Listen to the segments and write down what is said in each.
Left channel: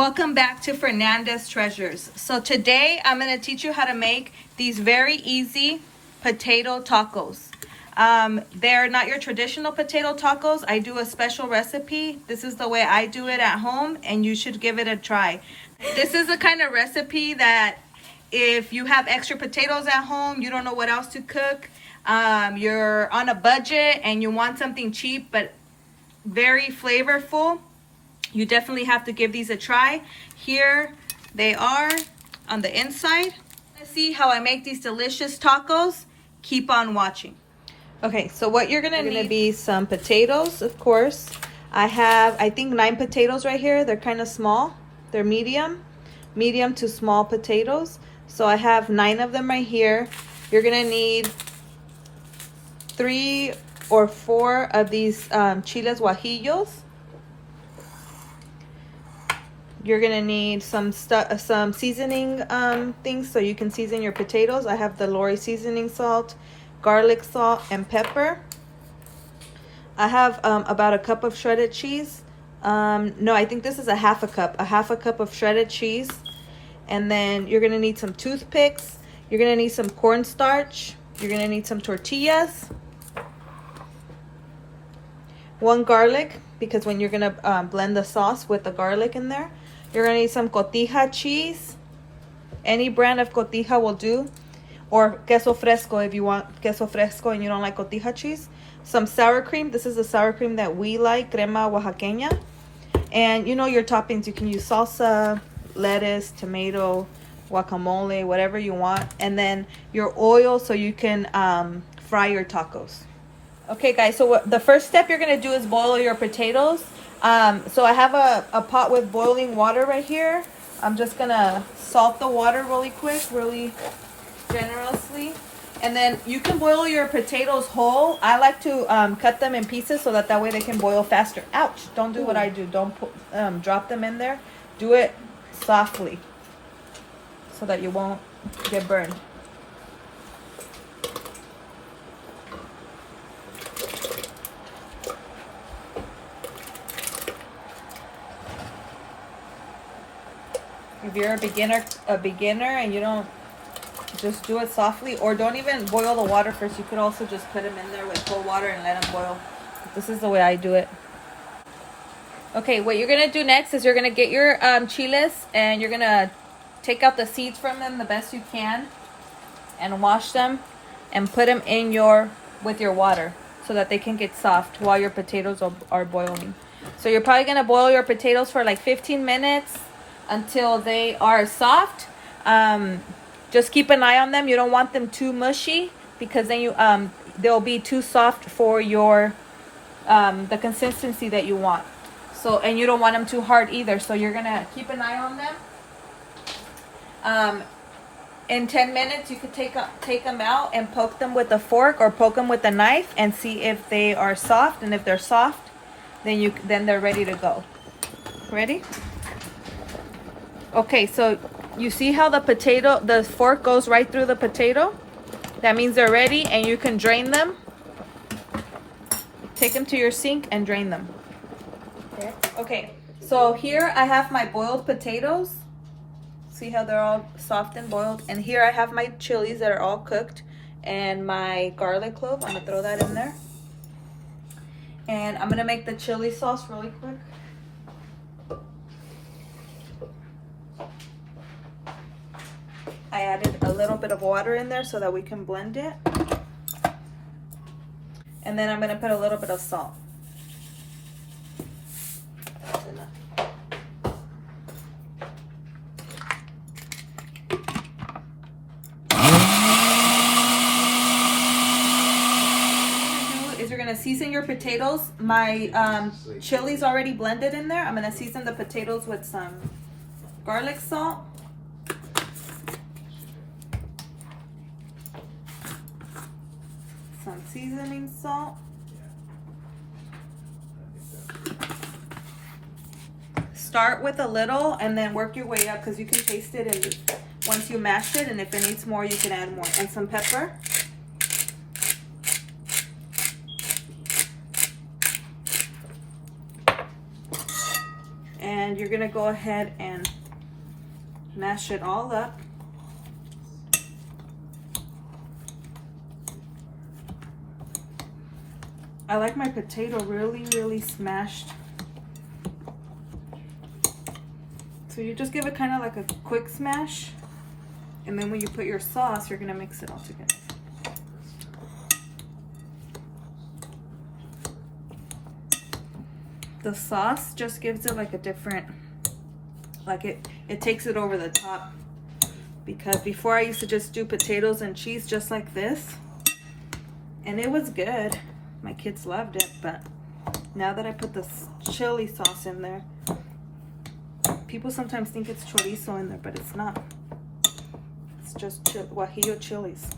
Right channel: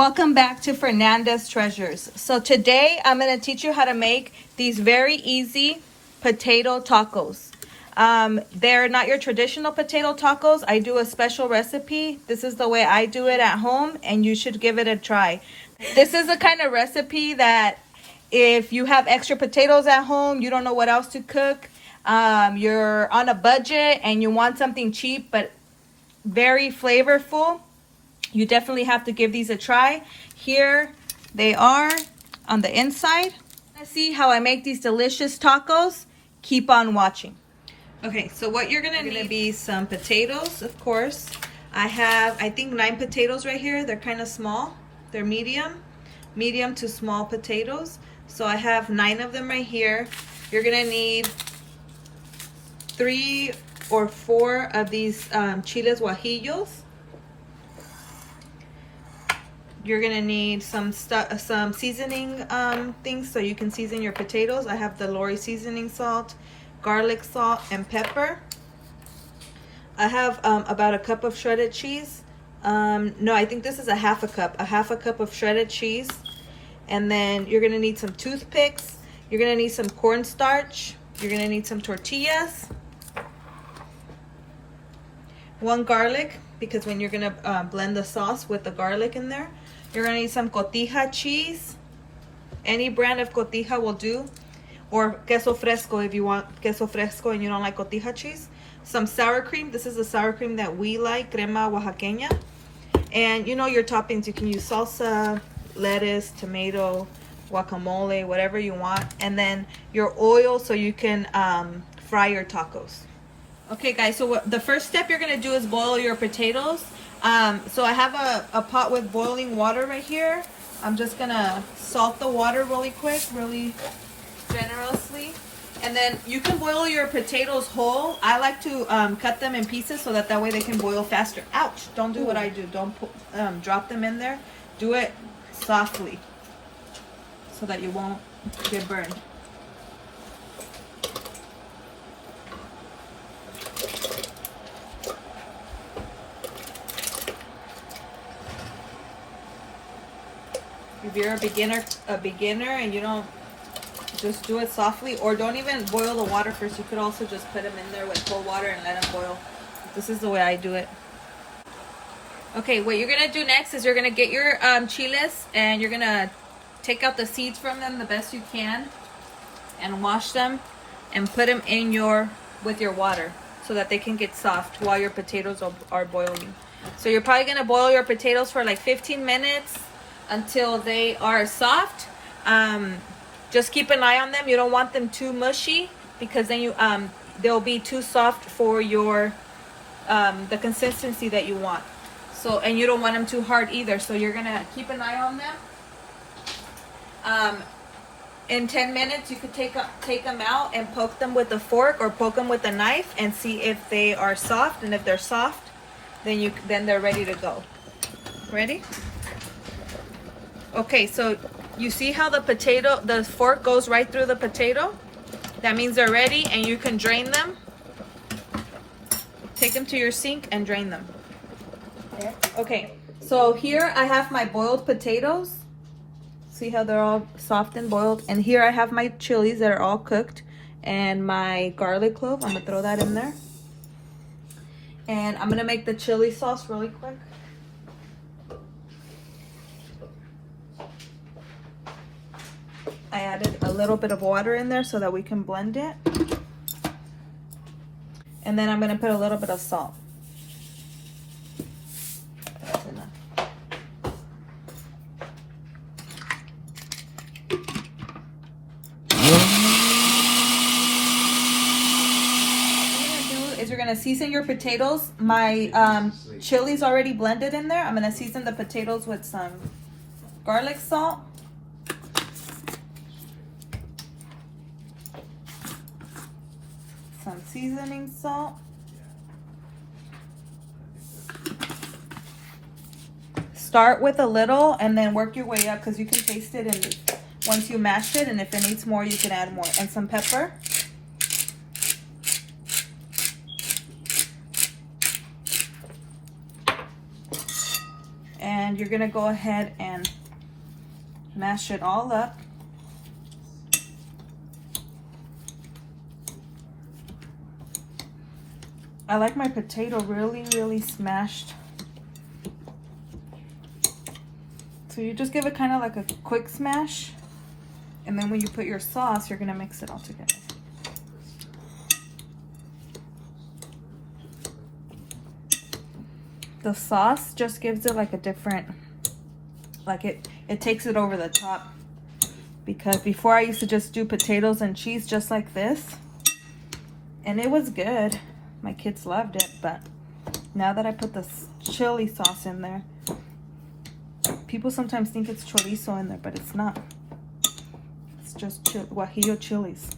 Welcome back to Fernanda's Treasures. So today I'm going to teach you how to make these very easy potato tacos. They're not your traditional potato tacos. I do a special recipe. This is the way I do it at home, and you should give it a try. This is the kind of recipe that if you have extra potatoes at home, you don't know what else to cook, you're on a budget and you want something cheap but very flavorful, you definitely have to give these a try. Here they are on the inside. See how I make these delicious tacos? Keep on watching. Okay, so what you're gonna need be some potatoes, of course. I have, I think 9 potatoes right here. They're kind of small. They're medium to small potatoes. So I have 9 of them right here. You're gonna need 3 or 4 of these Chile Guajillos. You're gonna need some seasoning things so you can season your potatoes. I have the Lori seasoning salt, garlic salt, and pepper. I have about a cup of shredded cheese. No, I think this is a half a cup of shredded cheese. And then you're gonna need some toothpicks. You're gonna need some cornstarch. You're gonna need some tortillas. 1 garlic, because when you're gonna blend the sauce with the garlic in there. You're gonna need some Cotija cheese. Any brand of Cotija will do. Or queso fresco if you want queso fresco and you don't like Cotija cheese. Some sour cream. This is the sour cream that we like, crema oaxaqueña. And you know your toppings. You can use salsa, lettuce, tomato, guacamole, whatever you want. And then your oil so you can fry your tacos. Okay guys, so the first step you're gonna do is boil your potatoes. So I have a pot with boiling water right here. I'm just gonna salt the water really quick, really generously. And then you can boil your potatoes whole. I like to cut them in pieces so that way they can boil faster. Ouch, don't do what I do. Don't drop them in there. Do it softly so that you won't get burned. If you're a beginner and you don't, just do it softly, or don't even boil the water first. You could also just put them in there with cold water and let them boil. This is the way I do it. Okay, what you're gonna do next is you're gonna get your chiles and you're gonna take out the seeds from them the best you can and wash them and put them in with your water so that they can get soft while your potatoes are boiling. So you're probably gonna boil your potatoes for like 15 minutes until they are soft. Just keep an eye on them. You don't want them too mushy because then they'll be too soft for your the consistency that you want. So, and you don't want them too hard either. So you're gonna keep an eye on them. In 10 minutes, you could take them out and poke them with a fork or poke them with a knife and see if they are soft. And if they're soft, then they're ready to go. Ready? Okay, so you see how the fork goes right through the potato? That means they're ready and you can drain them. Take them to your sink and drain them. Okay, so here I have my boiled potatoes. See how they're all soft and boiled? And here I have my chilies that are all cooked and my garlic clove. I'm gonna throw that in there. And I'm gonna make the chili sauce really quick. I added a little bit of water in there so that we can blend it. And then I'm going to put a little bit of salt. That's enough. You're going to season your potatoes. My chili's already blended in there. I'm going to season the potatoes with some garlic salt. Some seasoning salt. Start with a little and then work your way up because you can taste it and once you mash it, and if it needs more you can add more. And some pepper. And And you're gonna go ahead and mash it all up. I like my potato really, really smashed. So you just give it kind of like a quick smash. And then when you put your sauce, you're gonna mix it all together. The sauce just gives it like a different, like it takes it over the top. Because before I used to just do potatoes and cheese just like this. And it was good. My kids loved it, but now that I put the chili sauce in there, people sometimes think it's chorizo in there, but it's not. It's just Guajillo chilies.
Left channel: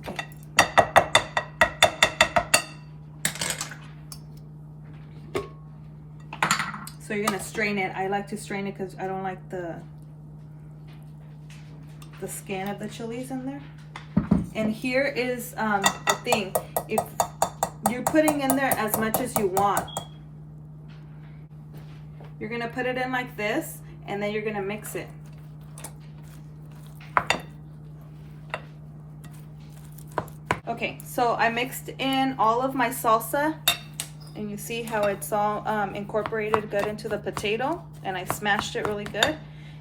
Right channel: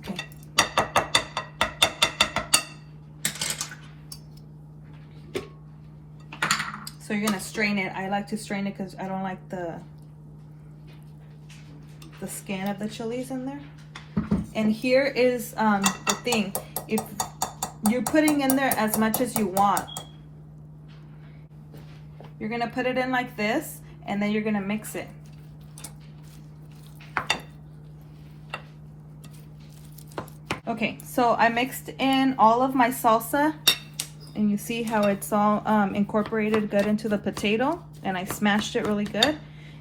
Okay. So you're gonna strain it. I like to strain it because I don't like the skin of the chilies in there. And here is the thing. If you're putting in there as much as you want, you're gonna put it in like this, and then you're gonna mix it. Okay, so I mixed in all of my salsa, and you see how it's all incorporated good into the potato, and I smashed it really good.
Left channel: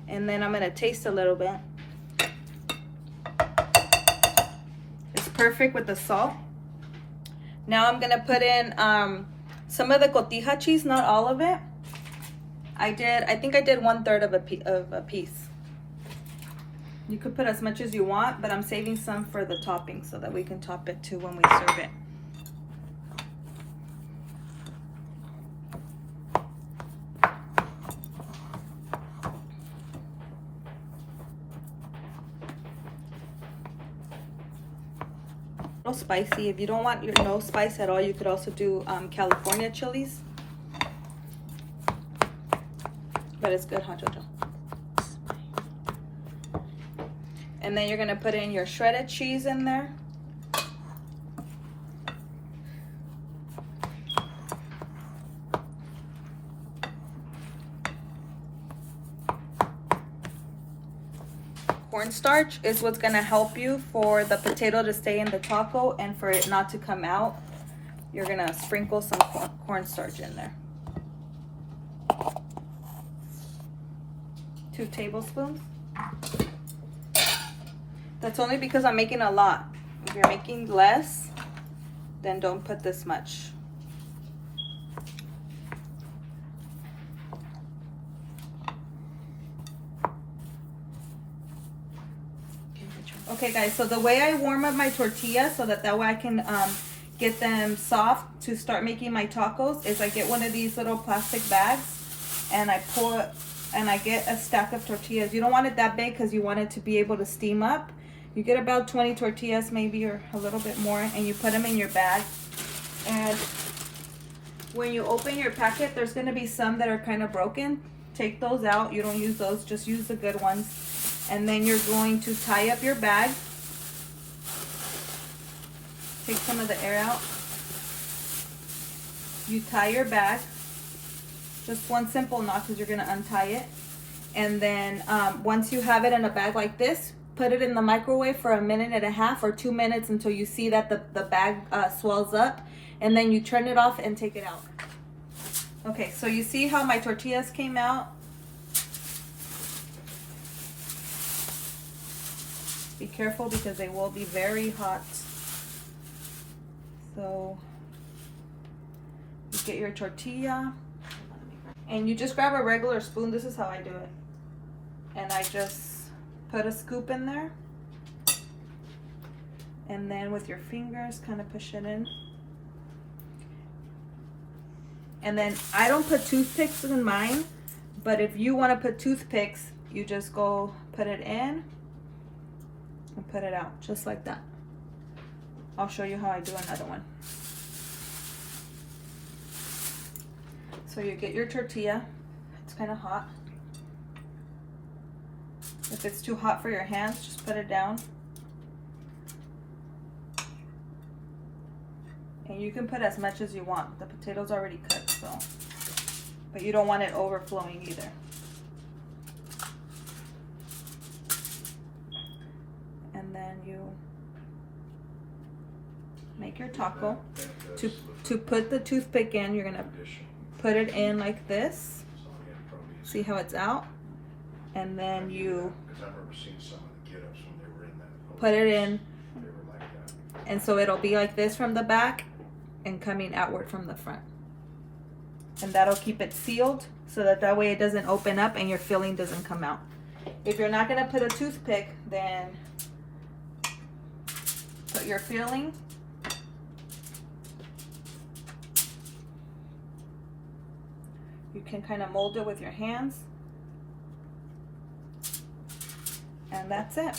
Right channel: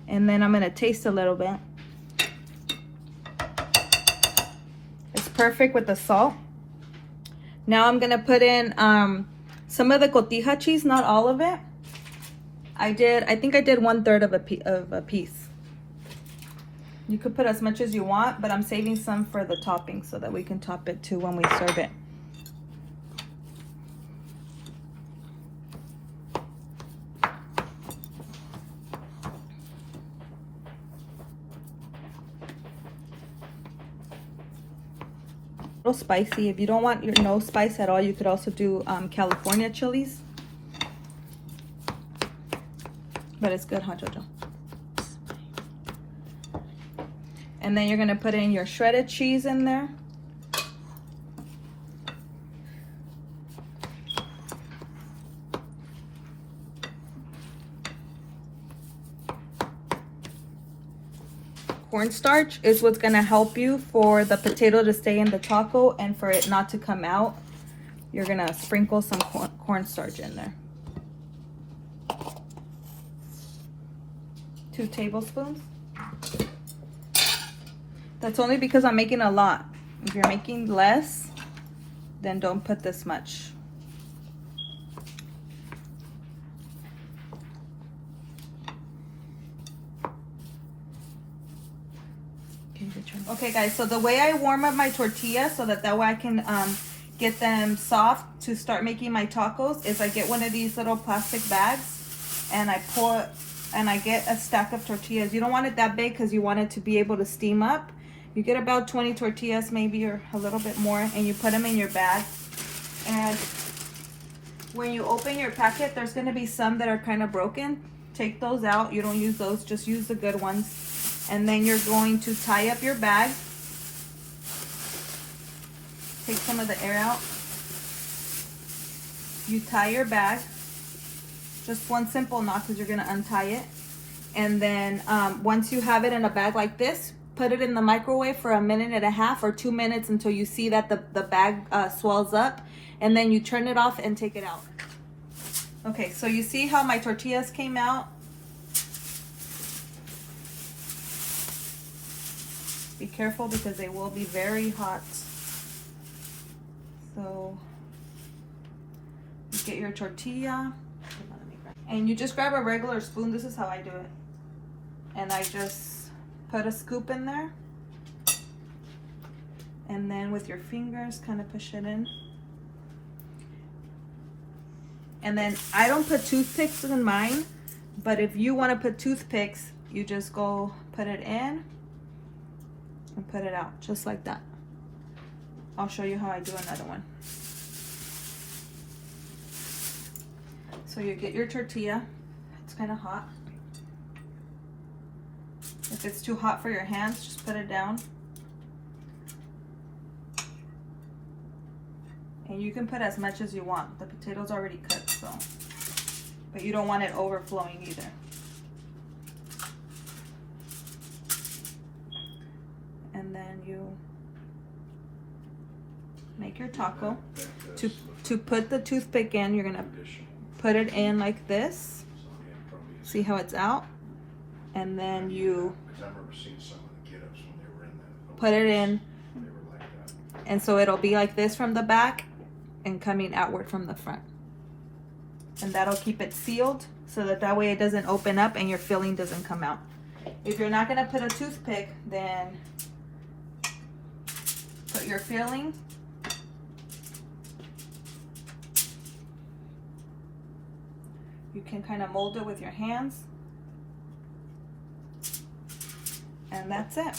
And then I'm gonna taste a little bit. Perfect with the salt. Now I'm gonna put in some of the Cotija cheese, not all of it. I think I did 1/3 of a piece. You could put as much as you want, but I'm saving some for the topping so that we can top it too when we serve it. Spicy. If you don't want no spice at all, you could also do California chilies, but it's good, hot Jojo. And then you're gonna put in your shredded cheese in there. Cornstarch is what's gonna help you for the potato to stay in the taco and for it not to come out. You're gonna sprinkle some cornstarch in there. 2 tablespoons. That's only because I'm making a lot. If you're making less, then don't put this much. Okay guys, so the way I warm up my tortillas so that way I can get them soft to start making my tacos is I get one of these little plastic bags and I get a stack of tortillas. You don't want it that big because you want it to be able to steam up. You get about 20 tortillas maybe, or a little bit more, and you put them in your bag. And when you open your packet, there's going to be some that are kind of broken. Take those out. You don't use those, just use the good ones. And then you're going to tie up your bag. Take some of the air out. You tie your bag. Just one simple knot because you're going to untie it. And then once you have it in a bag like this, put it in the microwave for 1.5 minutes or 2 minutes until you see that the bag swells up. And then you turn it off and take it out. Okay, so you see how my tortillas came out? Be careful because they will be very hot. So you get your tortilla and you just grab a regular spoon. This is how I do it. And I just put a scoop in there. And then with your fingers, kind of push it in. And then I don't put toothpicks in mine, but if you want to put toothpicks, you just go put it in and put it out just like that. I'll show you how I do another one. So you get your tortilla. It's kind of hot. If it's too hot for your hands, just put it down. And you can put as much as you want. The potato's already cut, so. But you don't want it overflowing either. And then you make your taco. To put the toothpick in, you're gonna put it in like this. See how it's out? And then you put it in, and so it'll be like this from the back and coming outward from the front. And that'll keep it sealed so that way it doesn't open up and your filling doesn't come out. If you're not gonna put a toothpick, then put your filling you can kind of mold it with your hands, and that's it.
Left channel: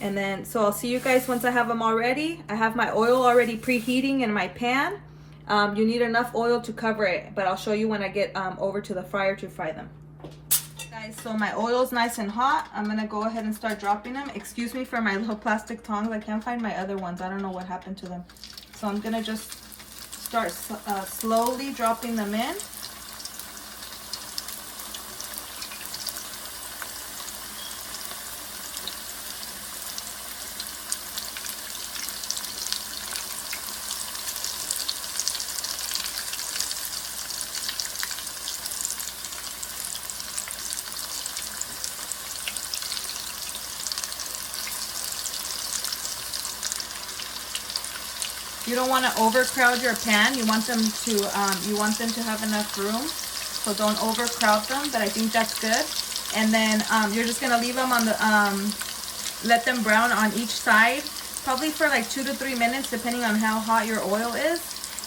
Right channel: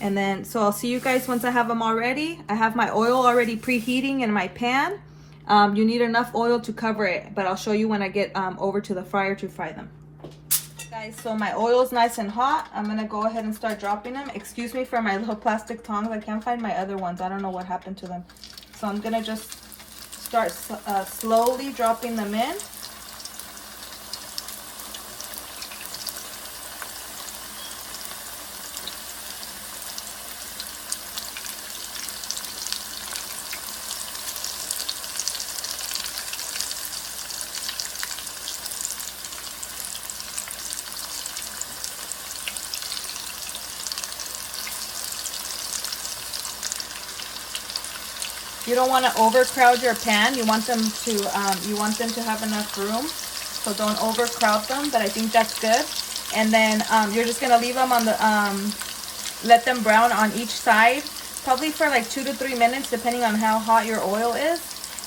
And then, so I'll see you guys once I have them all ready. I have my oil already preheating in my pan. You need enough oil to cover it, but I'll show you when I get over to the fryer to fry them. Guys, so my oil is nice and hot. I'm gonna go ahead and start dropping them. Excuse me for my little plastic tongs. I can't find my other ones. I don't know what happened to them. So I'm gonna just start slowly dropping them in. You don't want to overcrowd your pan. You want them to have enough room, so don't overcrowd them. But I think that's good. And then you're just gonna leave them on the let them brown on each side, probably for like 2 to 3 minutes, depending on how hot your oil is.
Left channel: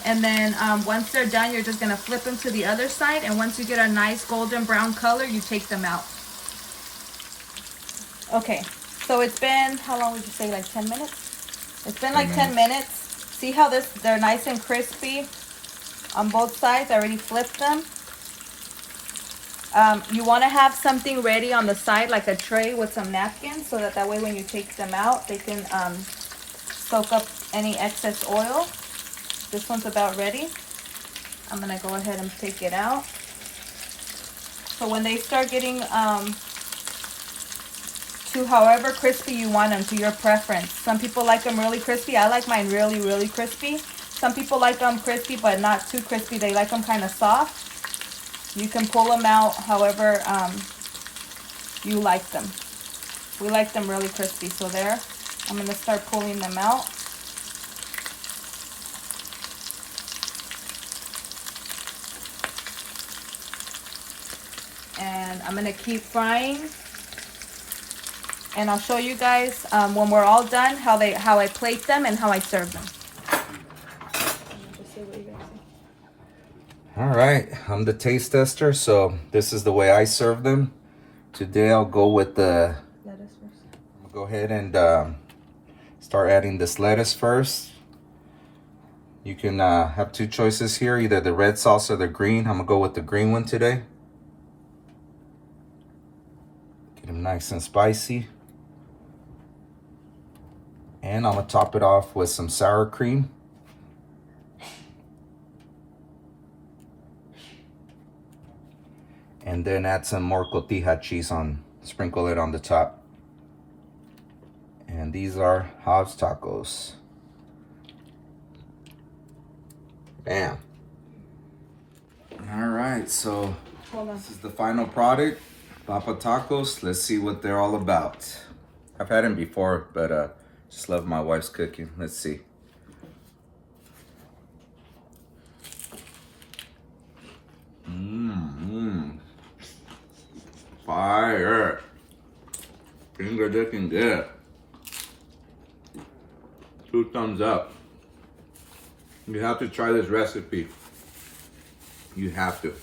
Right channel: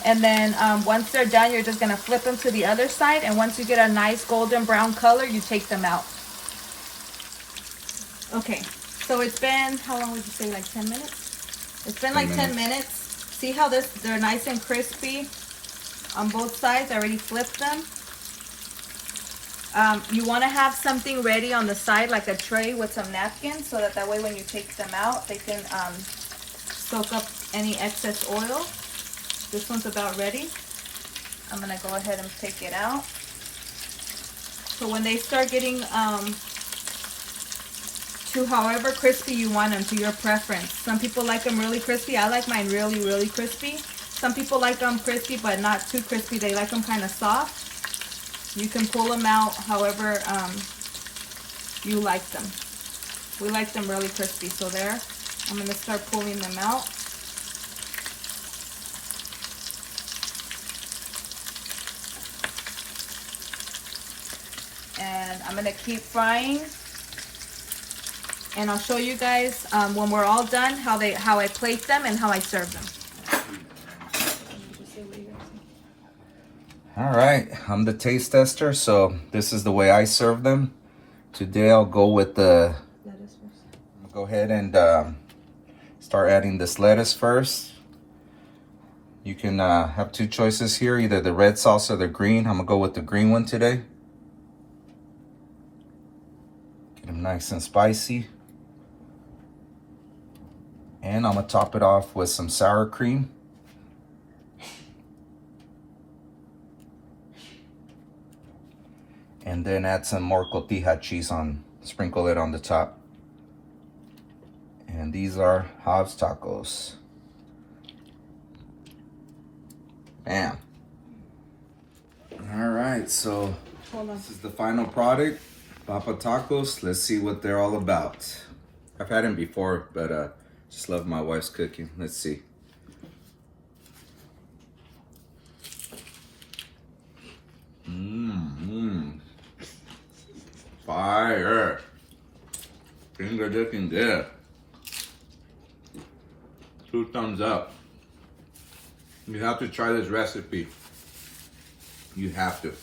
And then once they're done, you're just gonna flip them to the other side. And once you get a nice golden brown color, you take them out. Okay, so it's been, how long would you say, like 10 minutes? It's been like 10 minutes. See how they're nice and crispy on both sides. I already flipped them. You want to have something ready on the side, like a tray with some napkins, so that way when you take them out, they can soak up any excess oil. This one's about ready. I'm going to go ahead and take it out. So when they start getting to however crispy you want them, to your preference. Some people like them really crispy. I like mine really, really crispy. Some people like them crispy, but not too crispy. They like them kind of soft. You can pull them out however you like them. We like them really crispy, so there. I'm going to start pulling them out. And I'm going to keep frying. And I'll show you guys when we're all done how I plate them and how I serve them. All right, I'm the taste tester, so this is the way I serve them. Today I'll go with the lettuce first. I'm gonna go ahead and start adding this lettuce first. You can have two choices here, either the red sauce or the green. I'm gonna go with the green one today. Get them nice and spicy. And I'm gonna top it off with some sour cream. And then add some more Cotija cheese sprinkle it on the top. And these are Hobbs tacos. Bam. All right, so this is the final product, Papa Tacos. Let's see what they're all about. I've had them before, but just love my wife's cooking. Let's see. Fire. Finger looking good. 2 thumbs up. You have to try this recipe. You have to.